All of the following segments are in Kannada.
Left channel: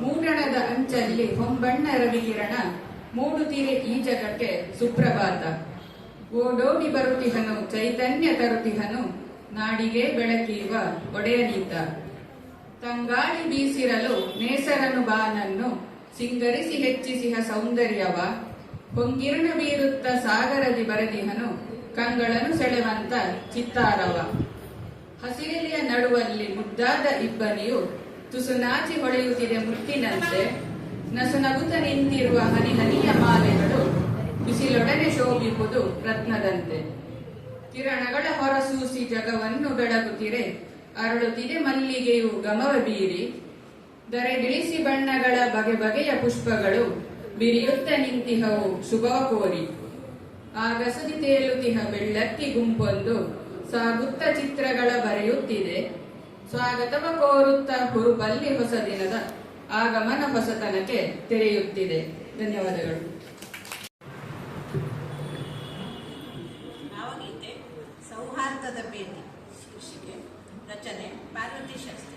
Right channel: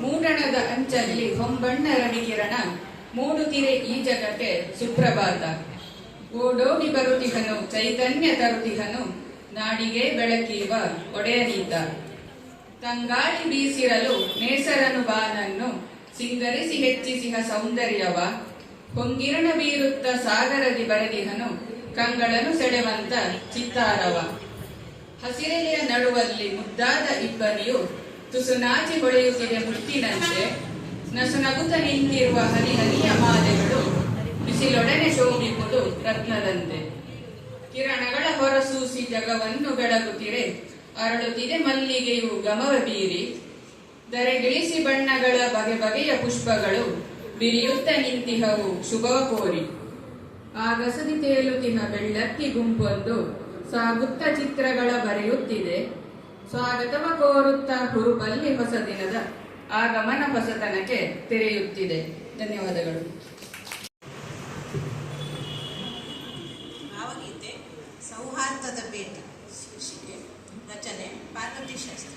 ಮೂಡಣದ ಅಂಚಲ್ಲಿ ಹೊಂಬಣ್ಣ ರವಿಕಿರಣ ಮೂಡುತ್ತಿರೆ ಈ ಜಗಕ್ಕೆ ಸುಪ್ರಭಾತ. ಓಡೋಡಿ ಬರುತ್ತಿಹನು, ಚೈತನ್ಯ ತರುತ್ತಿಹನು, ನಾಡಿಗೆ ಬೆಳತೀವ ಒಡೆಯನೀತ. ತಂಗಾಳಿ ಬೀಸಿರಲು ನೇಸರನು ಬಾನನ್ನು, ಸಿಂಗರಿಸಿ ಹೆಚ್ಚಿಸಿಹ ಸೌಂದರ್ಯವ. ಹೊಂಗಿರಣ ಬೀರುತ್ತ ಸಾಗರದಿ ಬರೆದಿಹನು, ಕಂಗಳನು ಸೆಳೆವಂತ ಚಿತ್ತಾರವ. ಹಸಿರೆಯ ನಡುವಲ್ಲಿ ಮುದ್ದಾದ ಇಬ್ಬನಿಯು ತುಸು ನಾಚಿ ಹೊಳೆಯುತ್ತಿದೆ ಮುತ್ತಿನಂತೆ. ನಸುನಗುತ್ತ ನಿಂತಿರುವ ಹರಿ ಹರಿಯ ಮಾಲೆಗಳು ಬಿಸಿಲೊಡನೆ ಶೋಭಿಪುದು ರತ್ನದಂತೆ. ಕಿರಣಗಳ ಹೊರಸೂಸಿ ಜಗವನ್ನು ಬೆಳಗುತ್ತಿರೆ ಅರಳುತ್ತಿದೆ ಮಲ್ಲಿಗೆಯು ಗಮವ ಬೀರಿ. ದರೆಗಿಳಿಸಿ ಬಣ್ಣಗಳ ಬಗೆ ಬಗೆಯ ಪುಷ್ಪಗಳು ಬಿರಿಯುತ್ತ ನಿಂತಿಹವು ಶುಭವ ಕೋರಿ ಆಗಸದಿ ತೇಲುತ್ತಿನ ಬೆಳ್ಳಕ್ಕಿ ಗುಂಪೊಂದು ಸಾಗುತ್ತ ಚಿತ್ರಗಳ ಬರೆಯುತ್ತಿದೆ. ಸ್ವಾಗತವ ಕೋರುತ್ತ ಹುರುಪಲ್ಲಿ ಹೊಸ ದಿನದ ಆಗಮನ ಹೊಸತನಕ್ಕೆ ತೆರೆಯುತ್ತಿದೆ. ಧನ್ಯವಾದಗಳು. ಭಾವಗೀತೆ, ಸೌಹಾರ್ದದ ಭೇಟಿ ಶೀರ್ಷಿಕೆ ರಚನೆ, ಪಾರ್ವತಿ ಶಾಸ್ತ್ರಿ.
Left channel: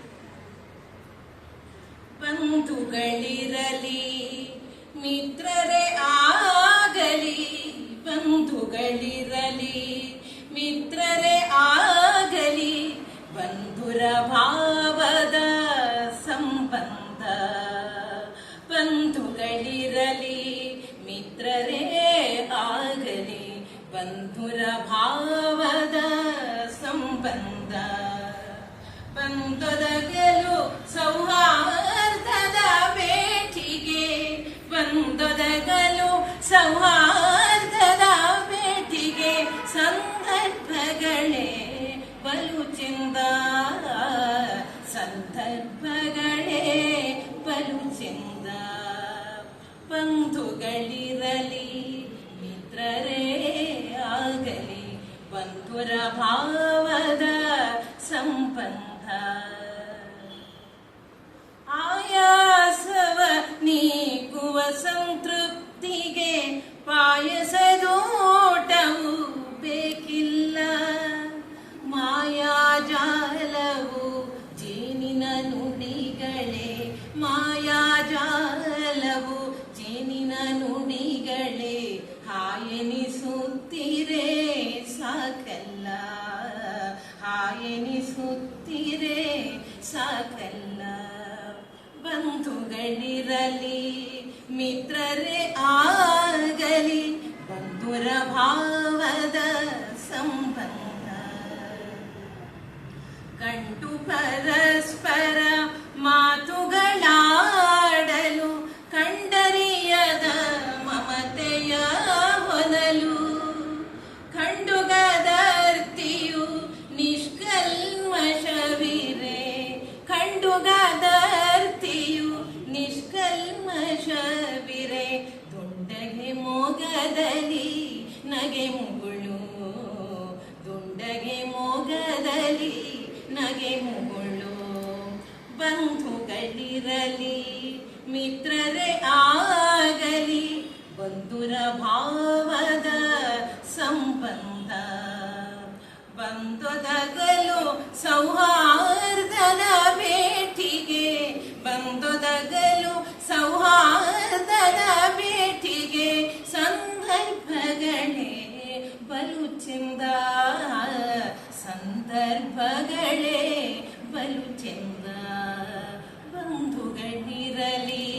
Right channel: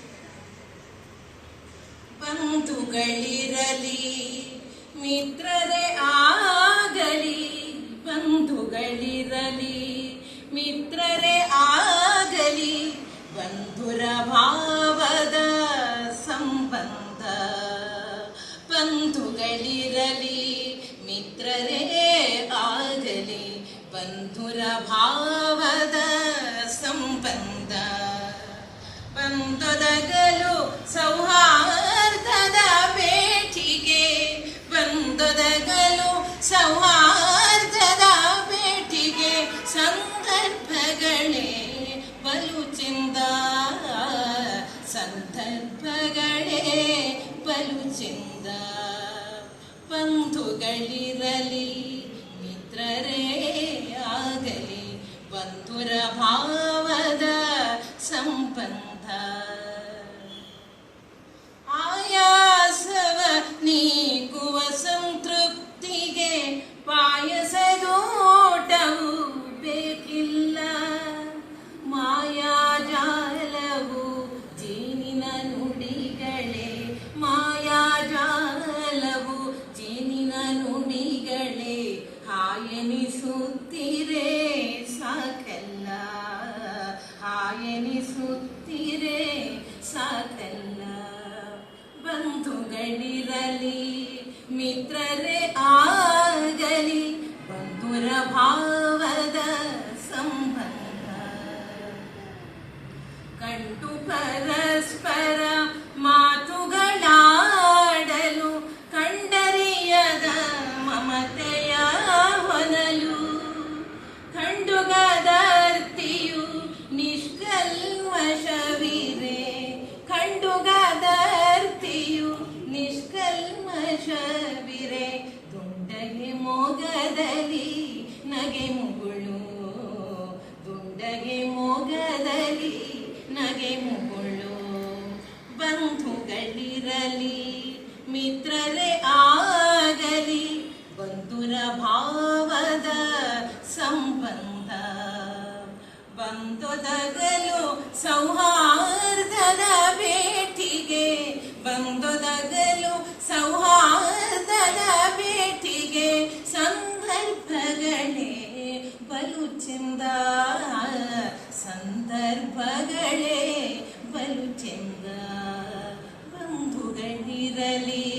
ಬಂಧುಗಳಿರಲಿ, ಮಿತ್ರರೇ ಆಗಲಿ ಬಂಧುಗಳಿರಲಿ ಮಿತ್ರರೇ ಆಗಲಿ ಬಂಧುರ ಭಾವದ ಸಂಬಂಧ. ಬಂದೊದಗಲು ಸೌಹಾರ್ದದ पुरभावद सम्बन्ध। ಹಾಯನಿಸುತ್ತಿರೇ ಸಾಕಲ್ಲ ಬಂಧುಗಳಿರಲಿ ಮಿತ್ರರೇ ಆಗಲಿ. ಬಂಧುರ ಭಾವದ ಸಂಬಂಧ. ಕಂಟು ಪರಸ್ಪರ ಮಿತ್ರರೇ ಆಗಲಿ, ಬಂಧುರ ಭಾವದ ಸಂಬಂಧ. ಬಂದೊದಗಲು ಸೌಹಾರ್ದನ ಭೇಟಿಗೆ ಬಂದೊದಗಲು ಸೌಹಾರ್ದನ ಭೇಟಿಗೆ ಸಂದರ್ಭಗಳೇ ಬಲು ಚಿಂದ ಸಂದರ್ಭಗಳೇ ಬಂಧುಗಳಿರಲಿ